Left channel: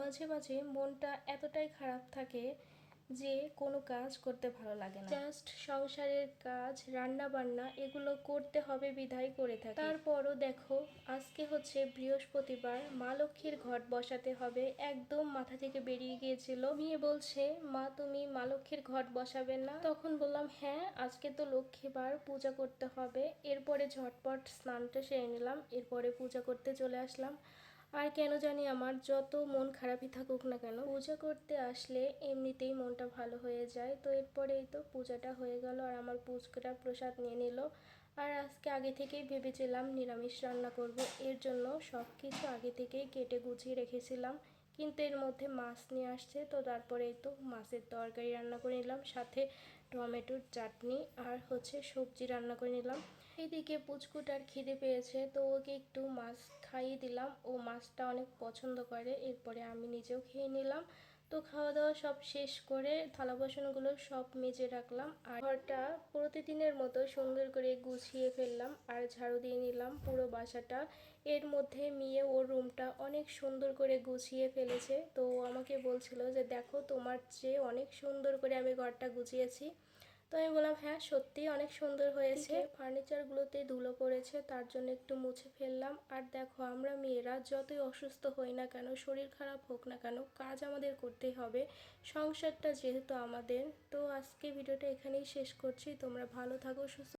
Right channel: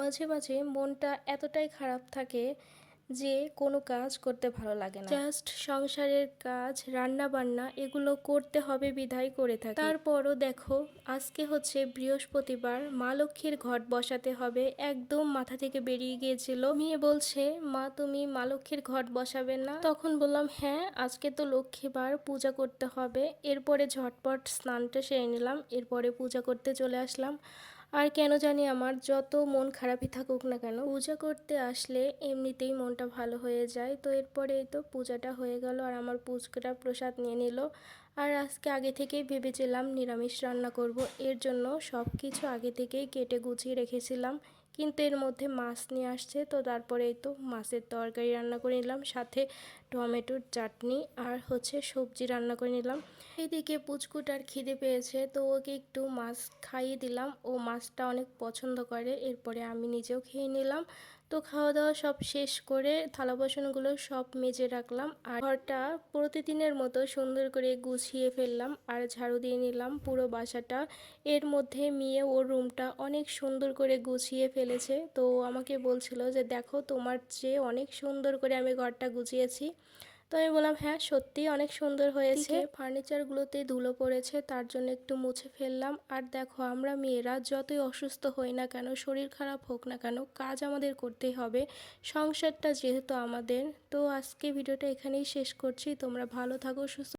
মাঝে মাঝে মনটা এতটাই খারাপ থাকে যে কোনো কাজ করতে ভালো লাগে না। জাস্ট সংসারের কাজ, রান্না বান্না এগুলো করতে হবে বিধায় করে থাকি। তারপরও দেখো, আজকে হচ্ছে বৃহস্পতিবার, মা লক্ষ্মীর ঘট বসাতে হবে, একদম মাথা থেকে বেরিয়ে গিয়েছিল। মেয়ে বলছে, মা তুমি মা লক্ষ্মীর ঘট বসাবে না? তখন বললাম হ্যাঁ, আজকে তো লক্ষ্মীবার, পূজা করতে হবে। এরপরে ঝটপট স্নানটা সেরে নিলাম, এরপরে পূজা করতে চলে আসলাম। আর কেন জানি আমার যত মন খারাপই থাকুক না কেন, পূজা করতে আসলে এমনিতেই মনটা ভালো হয়ে যায়। তো এরপরে এই তো পূজাটা হয়ে গেল, আর আমার পুচকুটা প্রসাদ নিয়ে নিল। আর আজকে আগে থেকেই ভেবেছিলাম নিরামিষ রান্না করব, এর জন্য সব কিছু আগে থেকেই কেটে গুছিয়ে রেখেছিলাম। কিন্তু এর মধ্যে মাছ নিয়ে আসছে, তো তারপরে এই তো মাছের তরকারি রান্না করে নিলাম, সাথে টমেটোর চাটনি আর হচ্ছে সবজি রান্না করে নিলাম। এদিকে পুচকুটার খিদে পেয়েছে, তো ওকে একটু মাছ খাইয়ে দিলাম, ও মাছটা অনেক পছন্দ করে। এরপরে আমি নিজেও খেয়ে নিলাম। তো খাওয়া দাওয়া সব শেষ করে থালা বাসনগুলো সব মেজে রাখলাম, আর ঘরটা প্রতিদিনের মতো সুন্দর করে গুছিয়ে ফেললাম আর ঝাড়ু দিয়ে নিলাম পুরো বাসাটা। এর মধ্যে মেয়ে ওর রুমটা অনেক সুন্দর করে গুছিয়ে ফেলেছে, তো আমাকে বলছিল যে দেখো তোমার চেয়ে অনেক সুন্দর করে আমি ঘরটা গুছিয়েছি। তো আমি বললাম হ্যাঁ, সত্যিই অনেক সুন্দর হয়েছে। ফার্নিচারগুলোতে ধুলো পড়েছে, তার জন্য একটু মুছে ফেললাম। আর দেখো, আমরা মেয়েরা যতই অসুস্থ হই না কেন, শরীর খারাপ হোক না কেন, কাজ আমাদের করতেই হবে, সংসারটা যেহেতু আমাদের। তো আজকে ভিডিওটা এখানেই শেষ করছি। তোমরা ভালো থাকো, সুস্থ